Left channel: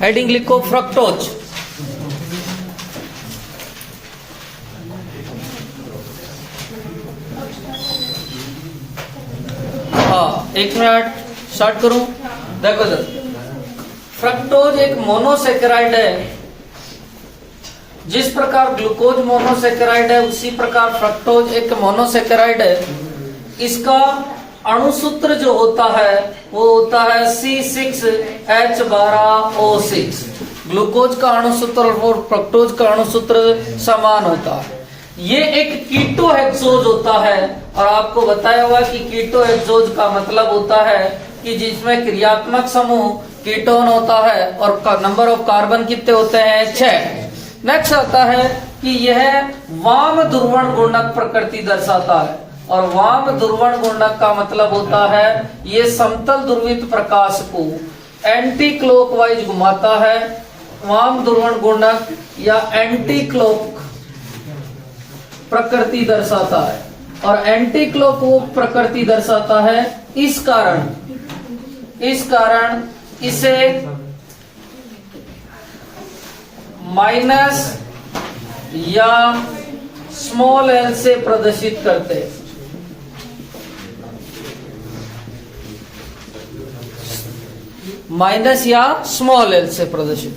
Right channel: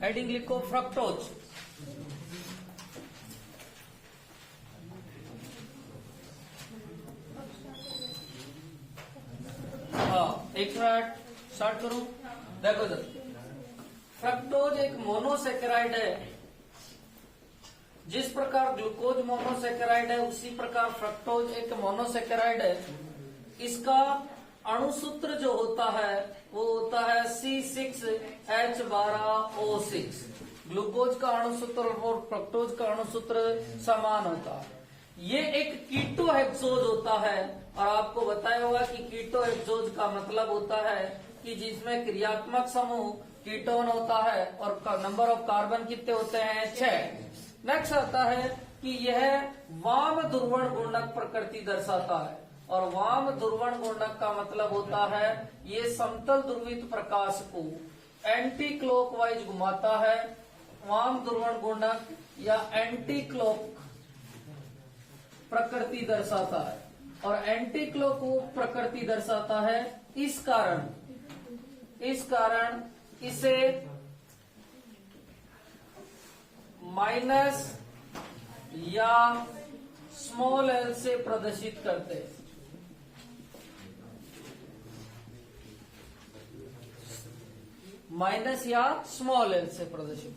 Heading लिखो fructose. हाँ, एक मिनट स्टार्ट करूं। देखो सर, फ्रक्टोज एक मोनोसेकेराइड है। जिस प्रकार ग्लूकोज मोनोसेकेराइड है उसी प्रकार फ्रक्टोज एक मोनोसेकेराइड है। इसका अणुसूत्र जो होता है वो होता है C6H12O6। ग्लूकोज का अणुसूत्र और फ्रक्टोज का अणुसूत्र समान होता है। ये एक कीटोहेक्सोज होता है और आपको बताया हुआ कि कीटोहेक्सोज का मतलब होता है कि जिसमें क्रियात्मक समूह कीटोन होता है और नंबर ऑफ कार्बन कितने होते हैं 6। नेक्स्ट आता है कि यह वाम ध्रुवण गुणक प्रकृति दर्शाता है और वाम ध्रुवण गुणक का मतलब होता है ये समतल ध्रुवित प्रकाश को एंटी क्लॉकवाइज घुमाता है। वाम ध्रुवण गुणक या एंटी क्लॉक प्रकृति दर्शाता है और एंटी क्लॉक प्रकृति दर्शाता है। इस कारण इसे माइनस या स्मॉल एल से प्रदर्शित करते हैं। माइनस या स्मॉल एल से प्रदर्शित।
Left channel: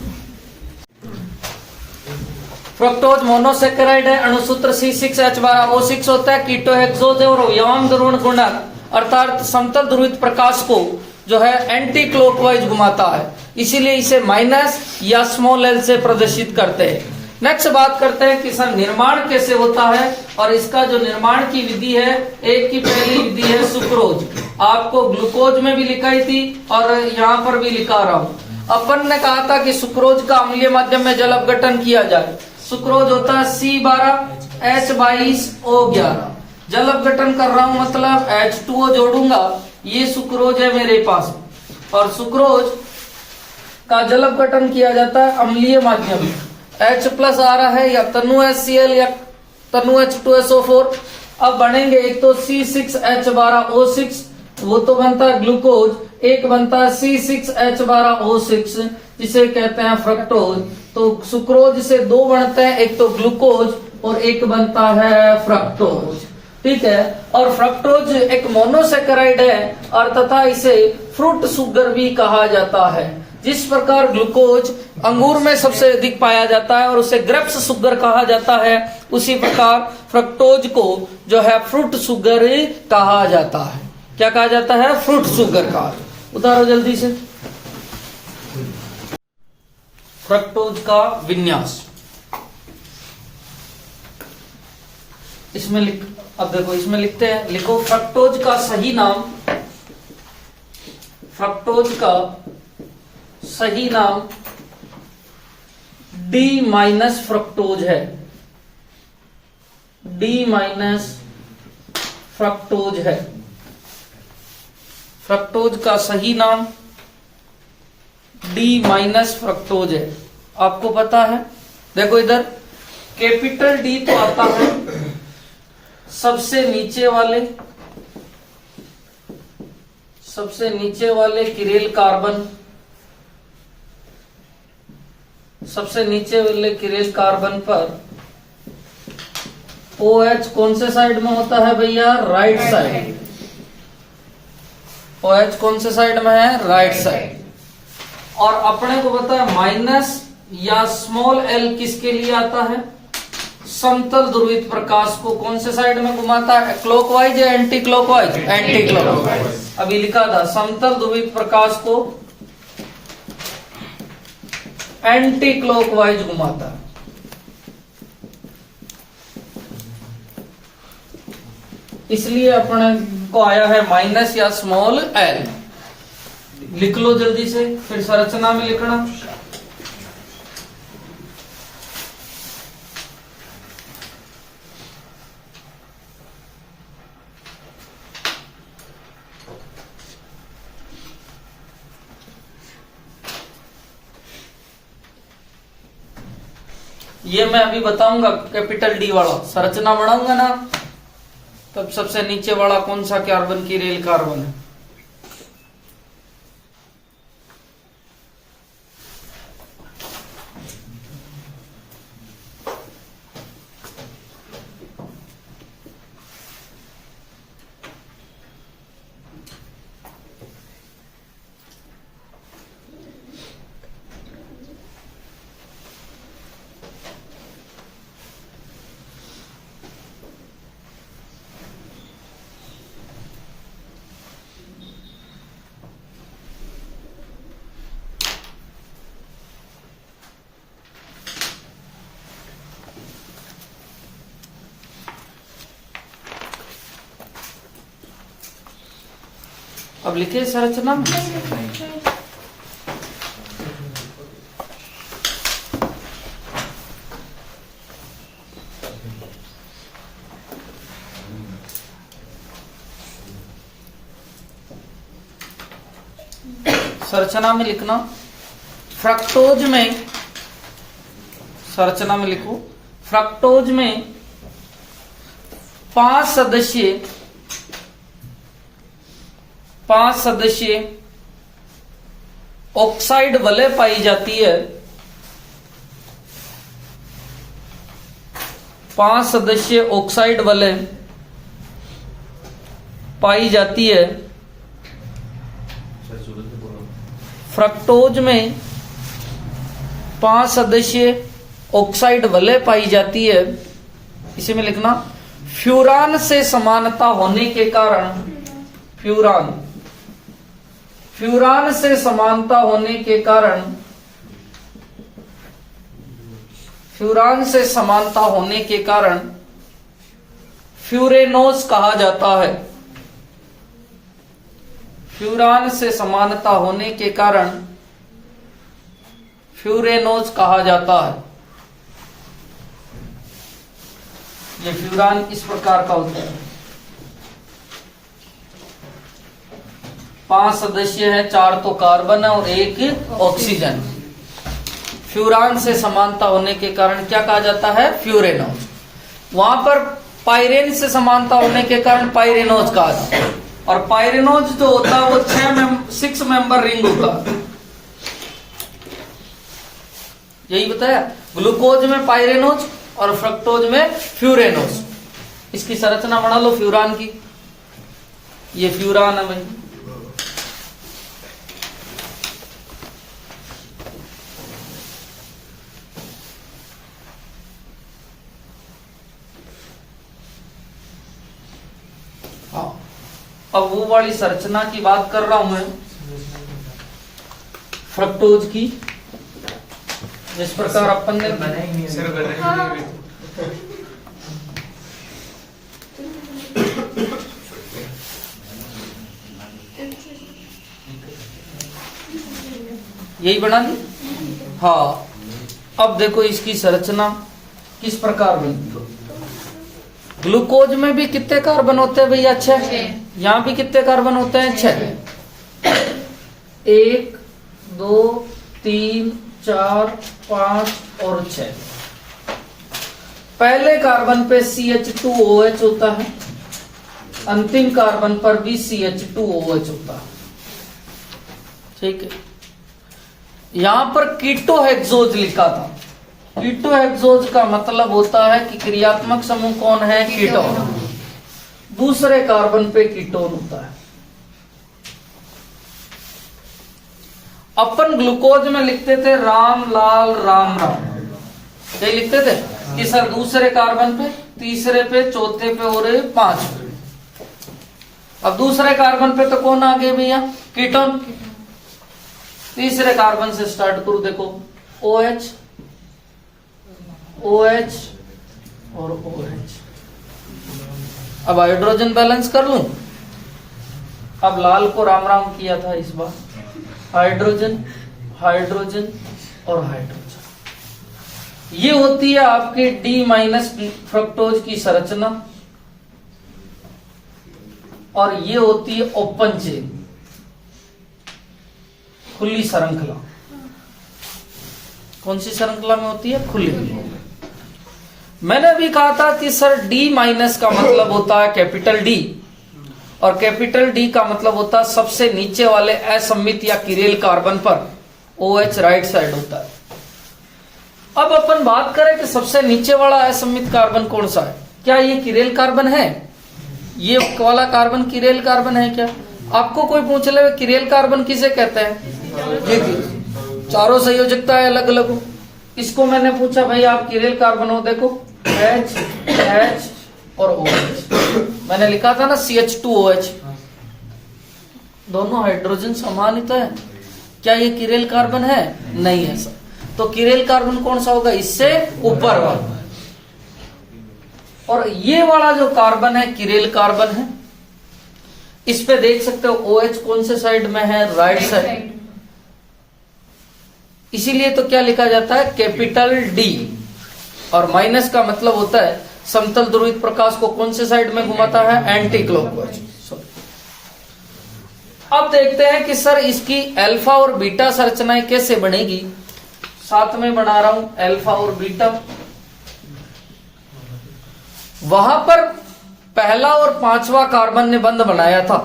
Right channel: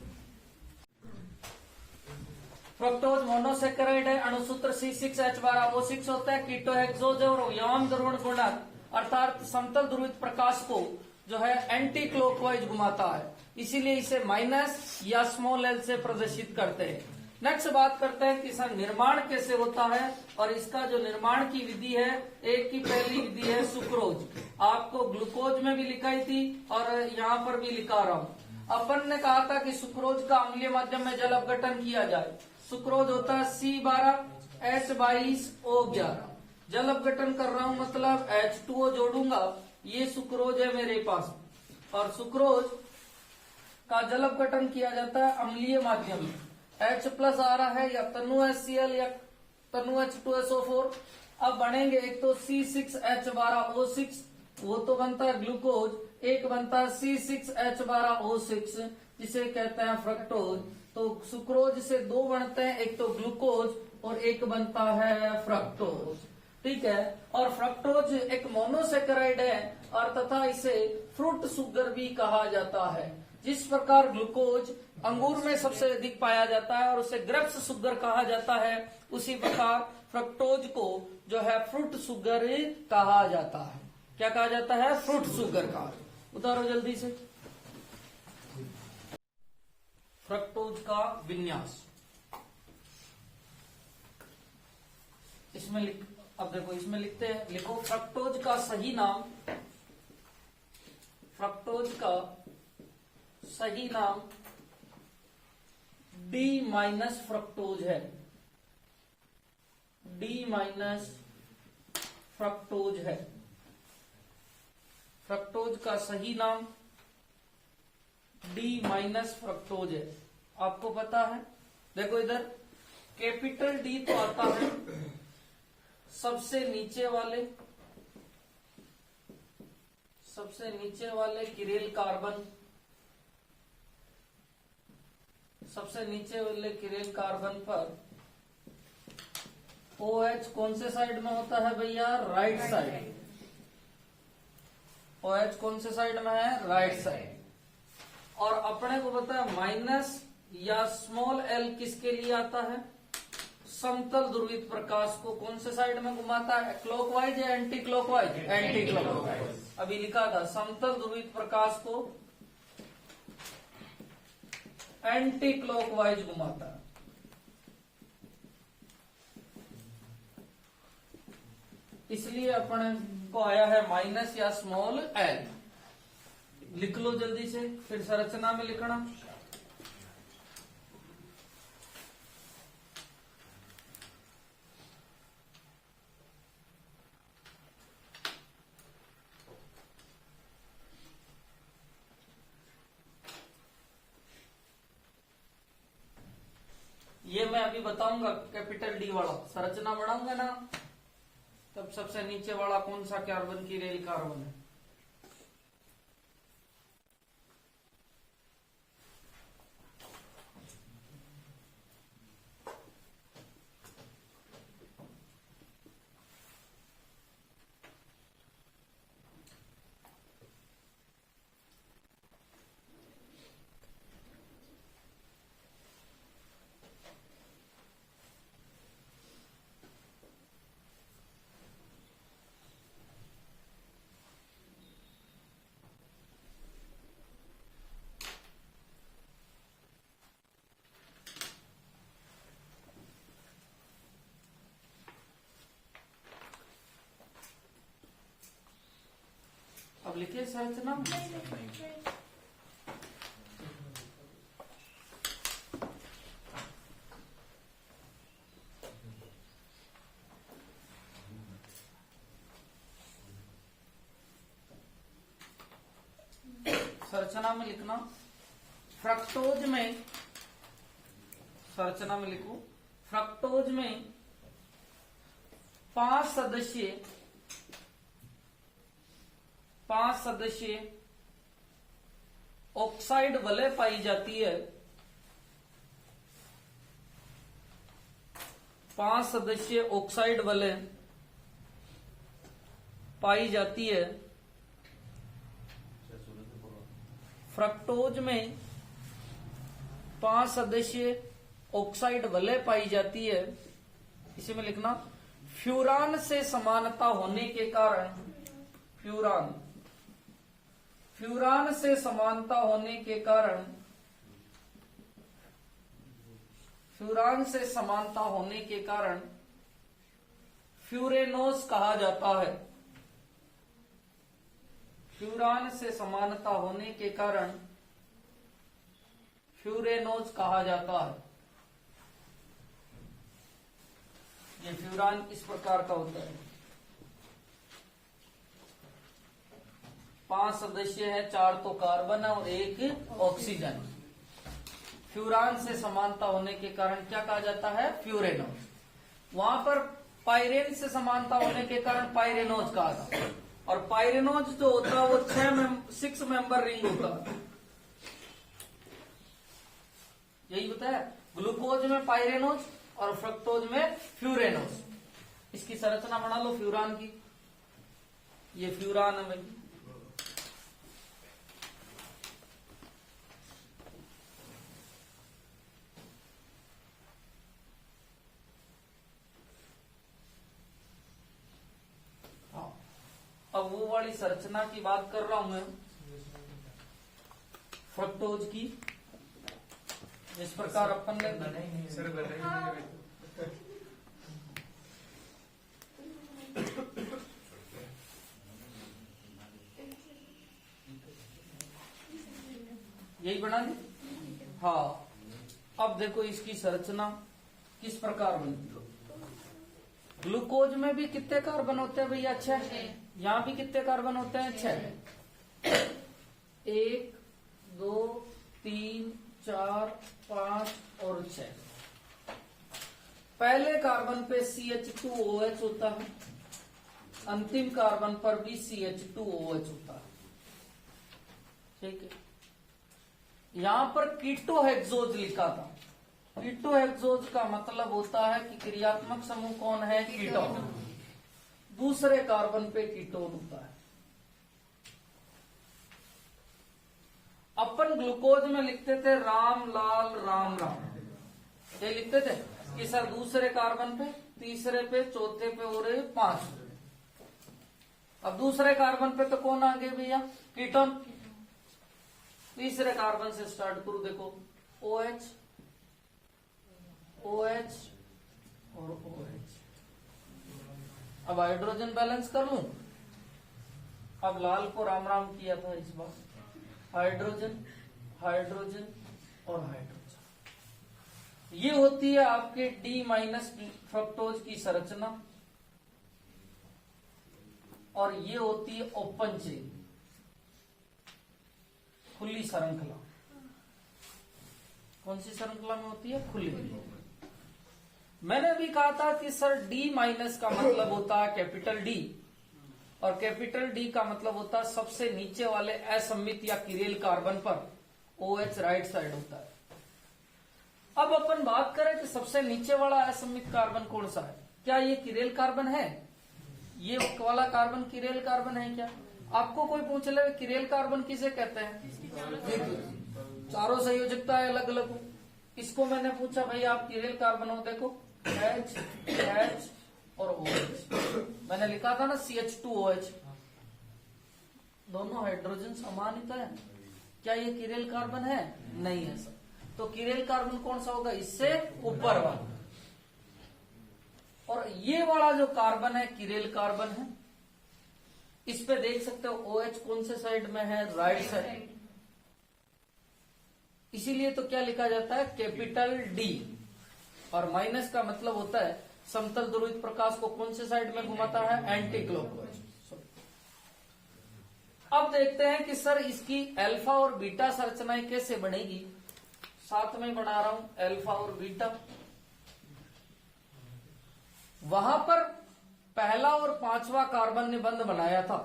फ्रक्टोज मोनोसेकेराइड है, अणुसूत्र C6H12O6 होता है, कीटोहेक्सोज है और वाम ध्रुवण गुणक अर्थात समतल ध्रुवित प्रकाश को जो है एंटी क्लॉकवाइज घुमाता है, इसीलिए इसे माइनस या स्मॉल एल से प्रदर्शित करते हैं। नेक्स्ट बात करते हैं कि सर निर्माण कैसे होता है और इसका जो निर्माण की विधि है, एक की पहली विधि है सुक्रोज। आपको ग्लूकोज में भी लिखाई थी और यहाँ पर भी लिखा रहा हूं। अपन ने कहा था कि सुक्रोज का अम्लीय माध्यम में जल अपघटन किया जाए। सुक्रोज होता है C12H22O11। जल अपघटन कर रहा हूं मतलब H2O जोड़ूंगा, ये सुक्रोज है मेरे पास और सुक्रोज का जल अपघटन किया जाता है अम्लीय माध्यम में। H प्लस आ रहा है या तनु HCl या तनु H2SO4। अब बनेंगे एक तो C6H12O6 वो तो बनता है ग्लूकोज, एक बनता है C6H12O6 जिसे कहते हैं फ्रक्टोज। तो सुक्रोज से दो बनते हैं, एक तो ग्लूकोज और एक बनता है फ्रक्टोज। ठीक है, और फ्रक्टोज एक मोनोसेकेराइड है और तथा इसे फ्रूट सुगर भी कहा जाता है। जिस प्रकार ग्लूकोज अंगूर में सबसे अधिक पाया जाता है और उसे ग्रेप्स सुगर कहा जाता है, उसी प्रकार फ्रक्टोज को जो है फ्रूट सुगर कहा जाता है। क्या कहा जाता है? फ्रूट सुगर का। उतारो जल्दी से। फ्रक्टोज का विन्यास इसमें अब देखो इसमें लिखते हैं, लिखो फ्रक्टोज का सही नाम। फ्रक्टोज का सही नाम D माइनस फ्रक्टोज है। D माइनस फ्रक्टोज है। फ्रक्टोज का सही नाम D माइनस फ्रक्टोज है। आपको पता है, देखो इधर कैपिटल D तो आता है सबसे नीचे वाले किरेल कार्बन, सबसे नीचे वाले किरेल कार्बन पर OH कौन से साइड में होता है भैया? Right side. OH कौन से साइड में है? Right side. और अपने को पता है माइनस या स्मॉल एल किसके लिए आता है? समतल ध्रुवित प्रकाश को कौन से साइड में घुमाता है? क्लॉकवाइज या एंटी क्लॉकवाइज? Anti clockwise. अभी लिखा था समतल ध्रुवित प्रकाश को एंटी क्लॉकवाइज घुमाता है। इसलिए अपने को आया है माइनस या स्मॉल एल। लिख लो जल्दी से, फिर संरचना में लिखना। ये मैं अभी बताऊंगा कैपिटल डी वाला संरचना बनाऊंगा ना, तब सबसे नीचे वाला कौन सा कार्बन की रेल कार्बन है। अब लिखे संरचना में। संरचना में लिखना, फ्रक्टोज में, संरचना में लिखो, फ्रक्टोज में 5 सदस्यीय ऑक्साइड वलय पाई जाती है। 5 सदस्यीय ऑक्साइड वलय पाई जाती है। फ्रक्टोज में 5 सदस्यीय ऑक्साइड वलय पाई जाती है। इसी में लिखना, फ्यूरान से समानता होने के कारण, फ्यूरान से समानता होने के कारण, फ्यूरान से समानता होने के कारण फ्यूरेनोज कहा जाता है। फ्यूरान से समानता होने के कारण फ्यूरेनोज कहा जाता है। ये फ्यूरान इस प्रकार का होता है। 5 सदस्य है, 4 तो कार्बन है और 1 ऑक्सीजन। फ्यूरान से समानता होने के कारण क्या कहा जाता है? फ्यूरेनोज। वहां पर पाइरेन से समानता होने के कारण पाइरेनोज कहा जाता है। और पाइरेनोज जो होता है वो 6 मेंबर रिंग होता है। यही बताया, ग्लूकोज में पाइरेनोज और फ्रक्टोज में फ्यूरेनोज। इसकी संरचना बना लो फ्यूरान की। ये फ्यूरान है भाई। हाँ, अब वो वाली संरचना की बात कर रहा हूं मैं, फ्रक्टोज की, जिस प्रकार अपन ने यही बना दी। हाँ, अब देखो इसकी संरचना किस प्रकार बनती है। ग्लूकोज में भी कितने कार्बन होते हैं भैया? 6। यहां भी कितने कार्बन होते हैं? 6। 1 2 3 4 5 और 6। पहले कार्बन पे CH2OH होता है, अंतिम कार्बन पर भी CH2OH होता है। ठीक है। यहां पर कीटोहेक्सोज लिखा था। कीटोहेक्सोज का मतलब होता है कि क्रियात्मक समूह कौन है? कीटोन। दूसरे कार्बन पे कीटोन होता है। अपन ग्लूकोज में लिखते थे राम लाल राम राम, ये लिखते थे कि सर दूसरे कार्बन पे, तीसरे पे, चौथे पे और 5 पे। अब दूसरे कार्बन पे तो कौन आ गए भैया? कीटोन। तीसरे कार्बन से स्टार्ट करो, देखो OH OH और OH। अब हाइड्रोजन बैलेंस कर लूं। अब लाल को राम राम किया था इस बार, हाइड्रोजन हाइड्रोजन और हाइड्रोजन। ये होती है आपके D- फ्रक्टोज की संरचना। और ये होती है ओपन चेन, खुली श्रृंखला। कौन सी श्रृंखला में होती है? खुली। मैंने भी कहा था कि सर D- का मतलब होता है कैपिटल D, और कैपिटल D का मतलब होता है सबसे नीचे वाले असममित या किरेल कार्बन पर OH राइट साइड होता है। अब अपन बात करें कि सबसे नीचे वाला असममित कार्बन कौन सा है? क्या ये किरेल कार्बन है? ये वाला कार्बन किरेल कार्बन है क्या? आपको कोई पूछ ले किरेल कार्बन किसे कहते हैं? ये चारों संयोजकता है अलग अलग हो। इसको मैंने पूछा भाई आप किरेल कार्बन हो, देखो H H और OH। मैंने लिखा था ना CH2OH। दोनों हाइड्रोजन समानित है। क्या ये किरेल कार्बन है? नहीं है सर। तो किरेल कार्बन कौन सा होगा? इससे ऊपर वाला। और ये वाला जो कार्बन है किरेल कार्बन है। इस पे देख सकते हो OH कौन से साइड में है, राइट साइड, इसीलिए तो क्या लिखा जाता है, कैपिटल D। और माइनस का मतलब होता है समतल ध्रुवित प्रकाश को कौन से साइड में घुमाता है, एंटी क्लॉकवाइज। अब देखते हैं कि सर इसकी अल्फा और बीटा संरचनाएं कैसे बनेगी। साथ में बना रहा हूं अल्फा और बीटा। वहां पर पहला और पांचवा कार्बन ने बंध बनाया था,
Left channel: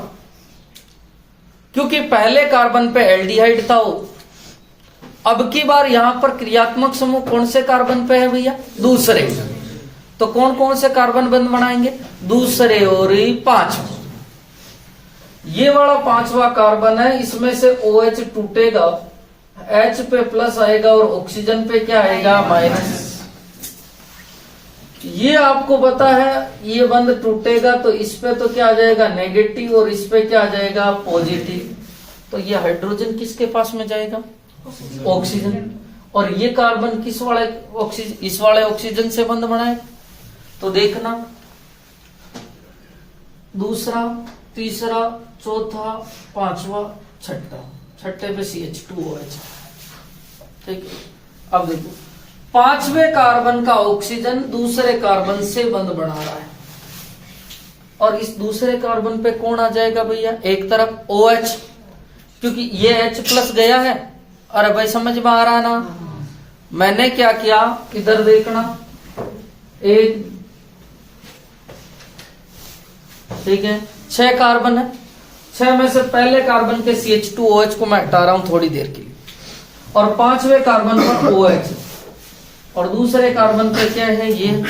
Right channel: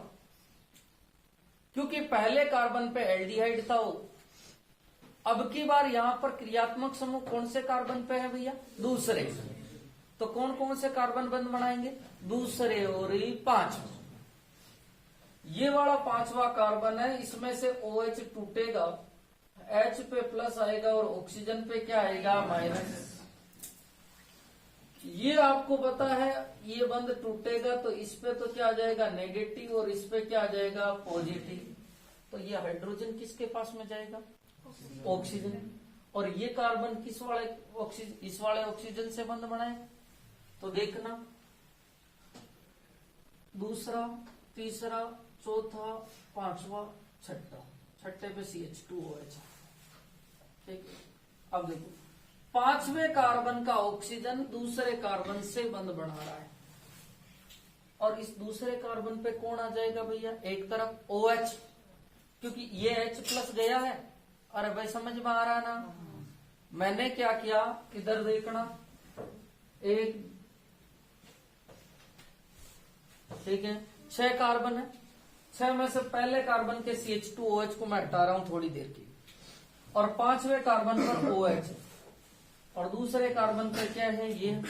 क्योंकि पहले कार्बन पे एल्डिहाइड था वो। अब की बार यहां पर क्रियात्मक समूह कौन से कार्बन पे है भैया, दूसरे। तो कौन कौन से कार्बन बंध बनाएंगे, दूसरे और पांचवा। ये वाला पांचवा कार्बन है, इसमें से OH टूटेगा, H पे प्लस आएगा और ऑक्सीजन पे क्या आएगा, माइनस। ये आपको पता है, ये बंध टूटेगा तो इस पे तो क्या आ जाएगा, नेगेटिव, और इस पे क्या आ जाएगा, पॉजिटिव। तो ये हाइड्रोजन किसके पास में जाएगा, ऑक्सीजन। और ये कार्बन किस वाले ऑक्सीजन, इस वाले ऑक्सीजन से बंध बनाए। तो देखना, दूसरा, तीसरा, चौथा, पांचवा, छठा, छठे पे CH2OH। ठीक है, अब देखो पांचवे कार्बन का ऑक्सीजन दूसरे कार्बन से बंध बना रहा है, और इस दूसरे कार्बन पे कौन आ जाएगा भैया, एक तरफ OH, क्योंकि ये H+ गया है। अरे भाई समझ में आ रहा ना, मैंने क्या किया, इधर देखना, एक, ठीक है, 6 कार्बन है, 6 में से पहले कार्बन के CH2OH को मैं हटा रहा हूं थोड़ी देर के लिए, और पांचवे कार्बन पर OH, और दूसरे कार्बन पर क्या है, ये।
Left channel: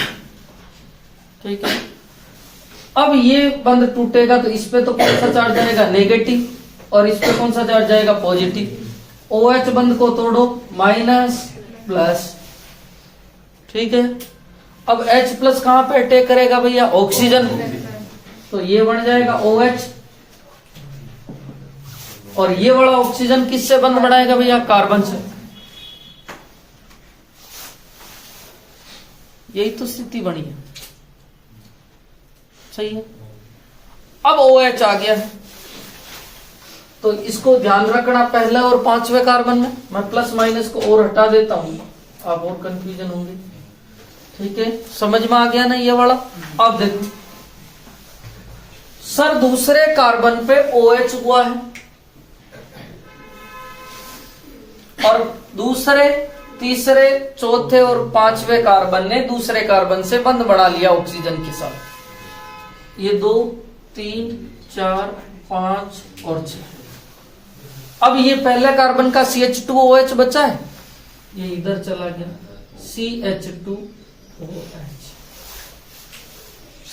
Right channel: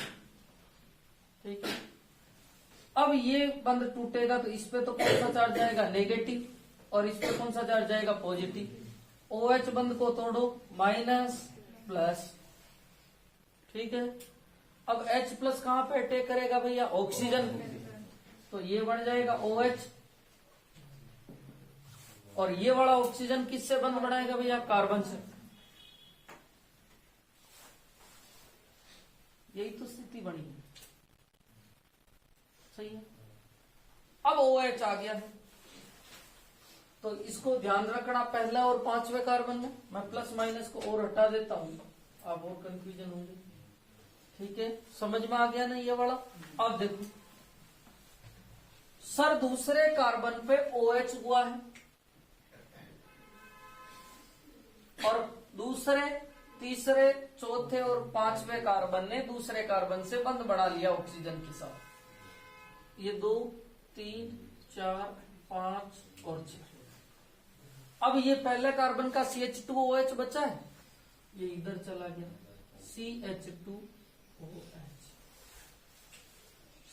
ठीक है, अब ये बंध टूटेगा तो इस पे तो कौन सा चार्ज जाएगा, नेगेटिव, और इस पे कौन सा चार्ज जाएगा, पॉजिटिव। OH बंध को तोड़ो, माइनस प्लस। ठीक है, अब H+ कहां पे अटैक करेगा भैया, ऑक्सीजन, तो ये बन जाएगा OH, और ये वाला ऑक्सीजन किससे बंध बनाएगा भैया, कार्बन से। यही तो स्थिति बनी है, सही है। अब OH आ गया है, तो इसको ध्यान रखना, पहला और पांचवे कार्बन में मैं प्लस माइनस को और हटा देता हूं, आप और कंफ्यूजन होंगे। ठीक है, समझ में आ गया ना ये वाला। अब देखो सर, दूसरे कार्बन पे OH हुआ है, और दूसरे, तीसरे, चौथे और पांचवे कार्बन ने दूसरे कार्बन से बंध बना लिया ऑक्सीजन के साथ। ये 2, 3, 4, 5 और 6। अब ये पहले कार्बन का CH2OH बचा है, ये इधर चला गया, CH2OH।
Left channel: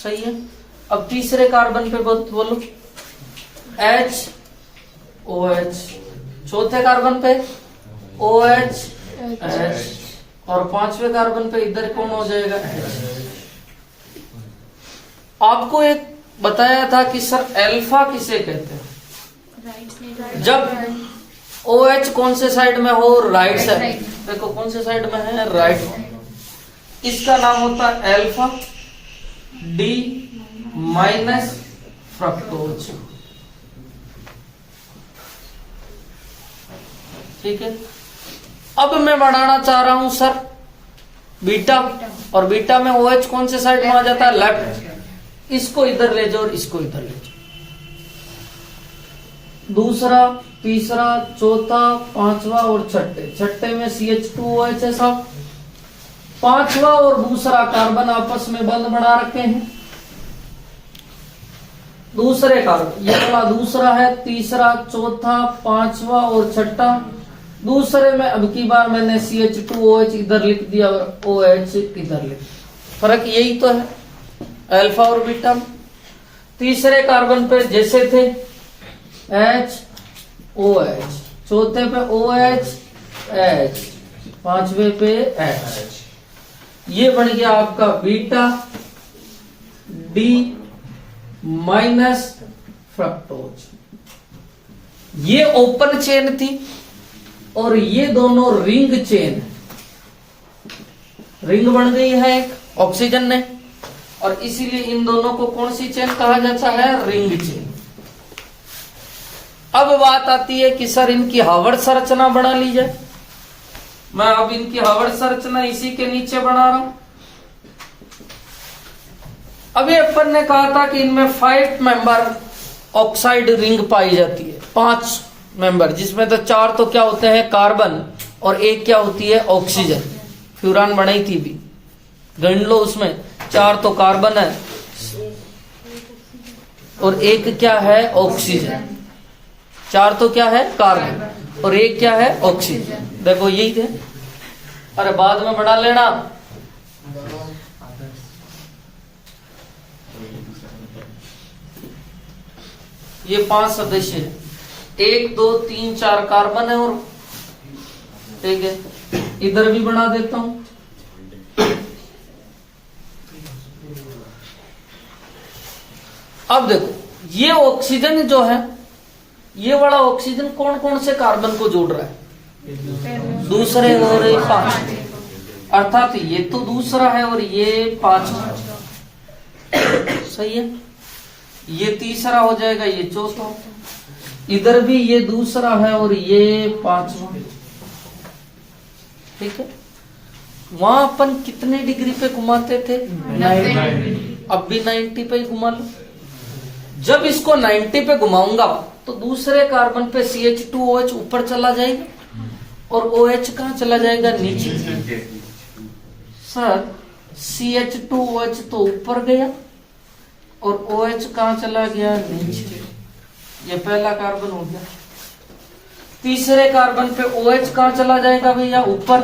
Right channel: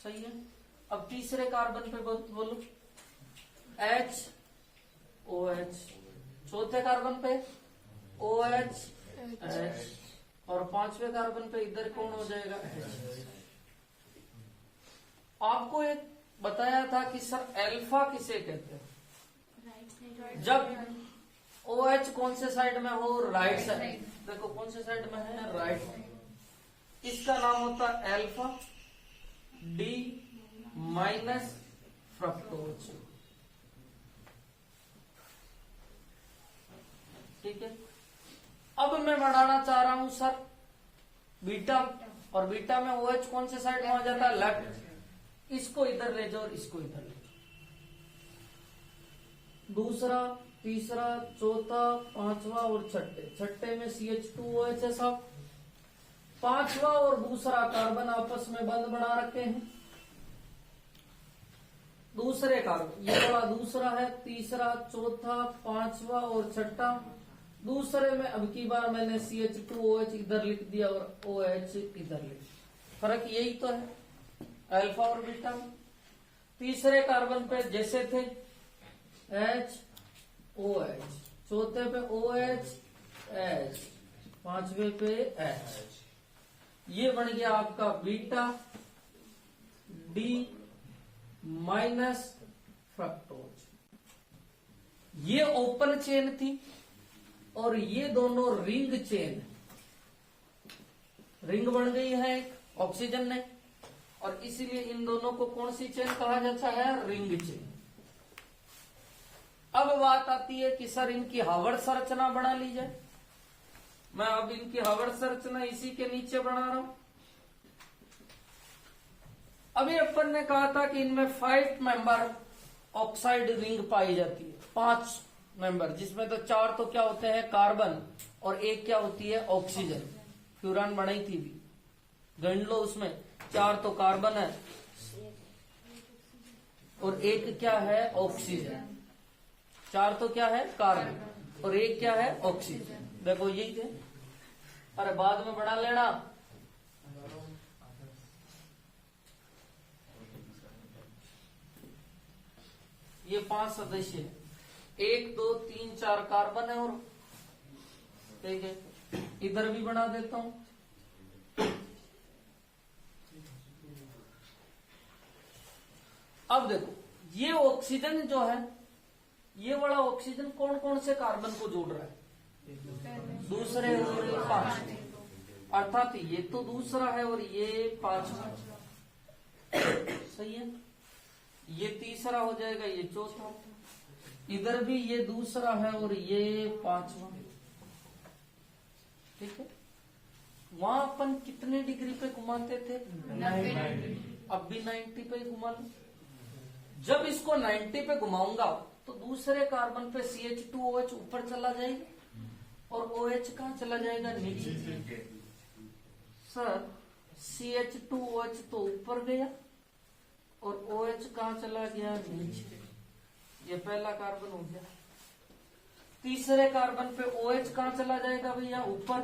सही है। अब तीसरे कार्बन पे बोलो, HOH, चौथे कार्बन पे OH, H, और पांचवे कार्बन पे इधर कौन हो जाएगा, H। आपको एक बताया था कि सर अल्फा किसे कहते हैं, जब OH कौन से साइड में हो, राइट साइड। देखो कौन से साइड में है, राइट। इसका नाम होता है अल्फा D माइनस फ्रक्टोज। ठीक है, अब मैं बढ़ाना चाह रहा हूं सर बीटा, और बीटा में OH कौन से साइड में आ जाता है, लेफ्ट। इसको इधर ले जाओ और इसको इधर ले जाओ। दूसरा, तीसरा, चौथा, पांचवा और छठे में CH2OH है साहब। पांचवा और दूसरा कार्बन आपस में बंध बना रखे हैं। दूसरे कार्बन, ये वाला दूसरा है, तीसरा, चौथा, पांचवा और छठा। दूसरे में अब की बार मैंने CH2OH इधर लिख दिया और OH इधर लिख दिया। फर्क यही तो है अल्फा और बीटा। तीसरे कार्बन पे जैसे थे HOH, चौथे पे OH, H, पांचवे पे H। ये बन गया आपका बीटा D माइनस फ्रक्टोज। ये ओपन चेन थी और ये दोनों रिंग चेन, रिंग बन गई है एक ऑक्सीजन ने, और इसीलिए इन दोनों को कौन सी चेन कहा जाता है, रिंग चेन। अब बात आती है कि सर इनकी हार्वर्ड संरचना बना ली जाए। मैं अब इनकी हार्वर्ड संरचना इसी के नीचे बना रहा हूं। अभी अपन ने कहा था कि इनमें 5 मेंबर ऑक्साइड रिंग पाई जाती है, 5 मेंबर, जिसमें तो 4 तो क्या होते हैं कार्बन और 1 क्या होती है ऑक्सीजन। फ्यूरान बनाई थी भी, गण लो, उसमें 4 तो कार्बन है और 1 क्या है ऑक्सीजन। 4 तो क्या है कार्बन और 1 क्या है ऑक्सीजन। देखो यही थे, अरे बाद में बना लेना। ये 5 सदस्य है, 1 2 3 4 कार्बन है और ठीक है, इधर भी बना देता हूं। अब देखो ये ऑक्सीजन जो है, ये वाला ऑक्सीजन कौन कौन से कार्बन को जोड़ रहा है? दूसरे और 5, अर्थात ये तो दूसरा है और ये 5, सही है। ये तीसरा हो जाएगा, ये चौथा। इधर भी ये दूसरा है और ये 5वां, ठीक है। वहां अपन कितने डिग्री पे घुमाते थे? 90। अब भी 90 पे ही घुमा लो। जब इसको 90 पे घुमाऊंगा तो दूसरे कार्बन पे CH2OH ऊपर चला जाएगा और OH कहां चला जाएगा? नीचे। सर CH2OH तो ऊपर गया और OH कहां चला गया? नीचे। ये पहला कार्बन हो गया। तीसरे कार्बन पे OH कहां चला जाएगा भैया? ऊपर।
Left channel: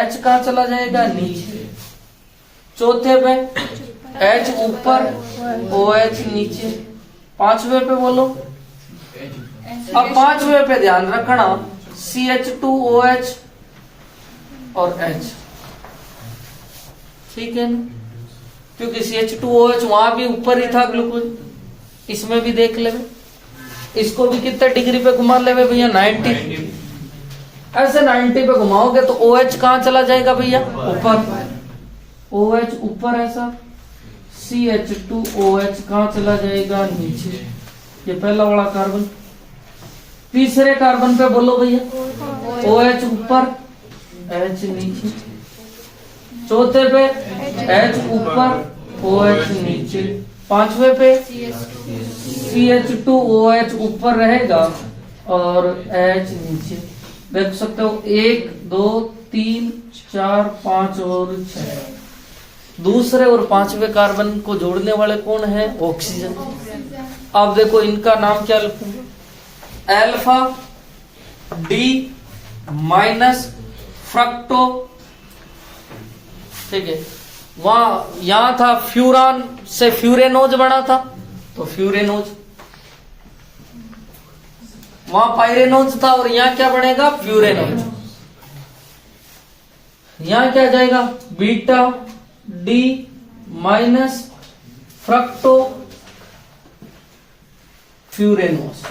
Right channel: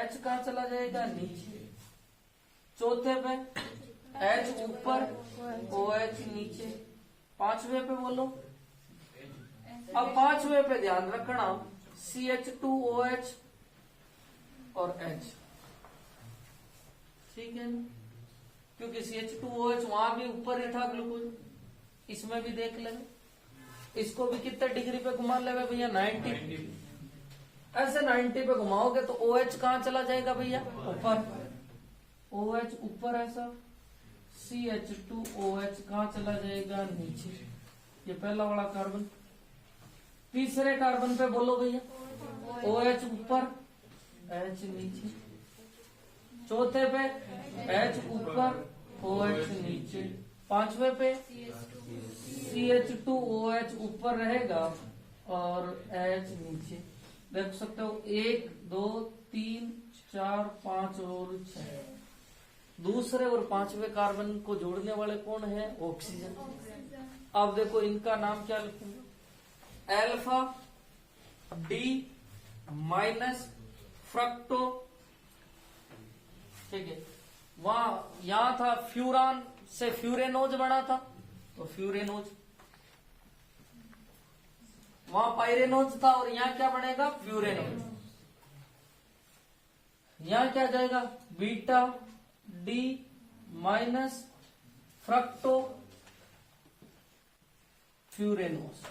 H कहां चला जाएगा? नीचे। चौथे पे H ऊपर, OH नीचे। 5वें पे बोलो। अब 5वें पे ध्यान रखना, CH2OH और H, ठीक है ना, क्योंकि CH2OH वहां भी ऊपर ही था ग्लूकोज। इसमें भी देख ले, इसको भी कितने डिग्री पे घुमा ले भैया? 90। ऐसे 90 पे घुमाओगे तो OH कहां चला जाएगा भैया? ऊपर। OH ऊपर है सर, CH2OH कहां चला जाएगा? नीचे। ये पहला वाला कार्बन। तीसरे कार्बन पे बोलो भैया, OH ऊपर, H नीचे। चौथे पे H ऊपर, OH नीचे। 5वें पे CH2OH ऊपर रहेगा और H नीचे। देख सकते हो 1 2 3 4 5 और 6। दूसरे और 5वें कार्बन को जोड़ने वाले कौन है? ऑक्सीजन। अब देखो इनका नाम क्या लिखूंगा? अल्फा डी माइनस फ्रक्टो, ठीक है। वहां यहां था फ्यूरान से फ्यूरेनोज बना था, तो फ्यूरेनोज। वहां पायरेनोज था और यहां क्या बनेगा? फ्यूरेनोज। यहां क्या जाएगा? Beta D minus fructofuranose.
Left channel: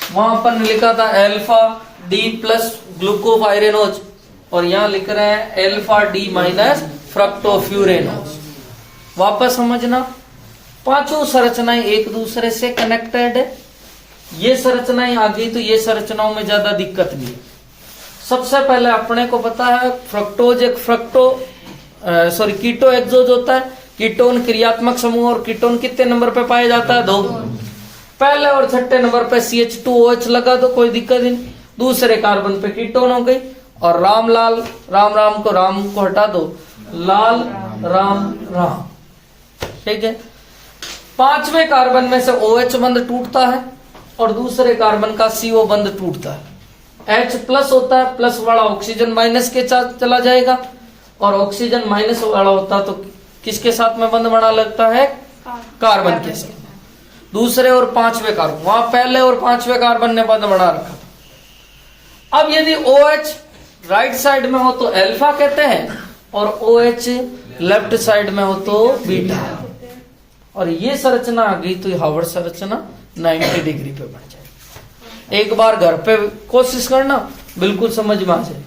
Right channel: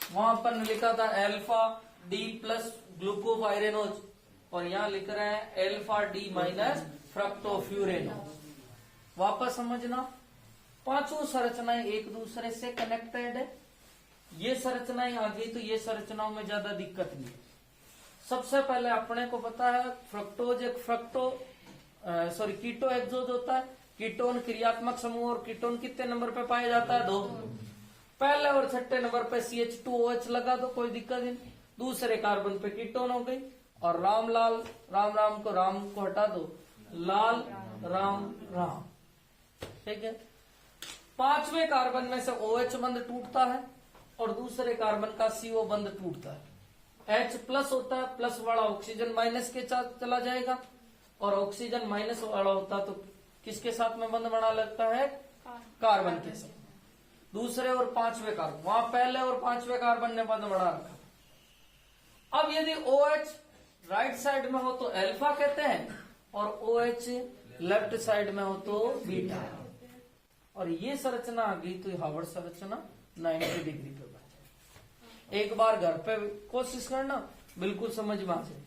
वहां अपन ने लिखा था अल्फा डी प्लस ग्लूकोपाइरेनोज और यहां लिख रहे हैं अल्फा डी माइनस फ्रक्टोफ्यूरेनोज। वापस समझना, पांचों संरचनाएं एक दूसरे से कनेक्टेड है। ये संरचनाएं आ गई तो ये संरचनाओं में ज्यादा दिक्कत नहीं। सबसे पहले अपने को पता है फ्रक्टोज एक कीटो एक्सोज होता है। कीटोन क्रियात्मक समूह और कीटोन कितने नंबर पे पाया जाता है? 2। पहले और छठे नंबर पे CH2OH लगा दो, कोई दिक्कत नहीं। दूसरे कार्बन पे कीटोन हो गई और राम को हटा दो, लाल राम, ठीक है। 5वें कार्बन में से OH बंध टूटता है और दूसरे कार्बन का CO बंध टूटता है। H प्लस होता है, प्लस वाला ऑक्सीजन माइनस के साथ चला जाएगा और ऑक्सीजन माइनस वाला होता तो किसके साथ में बंध बना लगता है? कार्बन के साथ। दूसरे और 5वें कार्बन, वहां पहले और 5वें कार्बन ने बंध बना रखा। अब यदि OH राइट साइड में हो तो अल्फा कहते हैं और OH लेफ्ट साइड में हो तो बीटा। और ये संरचना आ गई तो ये हार्वर्ड संरचना 90 डिग्री पे बन जाए। एक बार घर पे कोशिश करना, बिल्कुल समझ में आ जाए।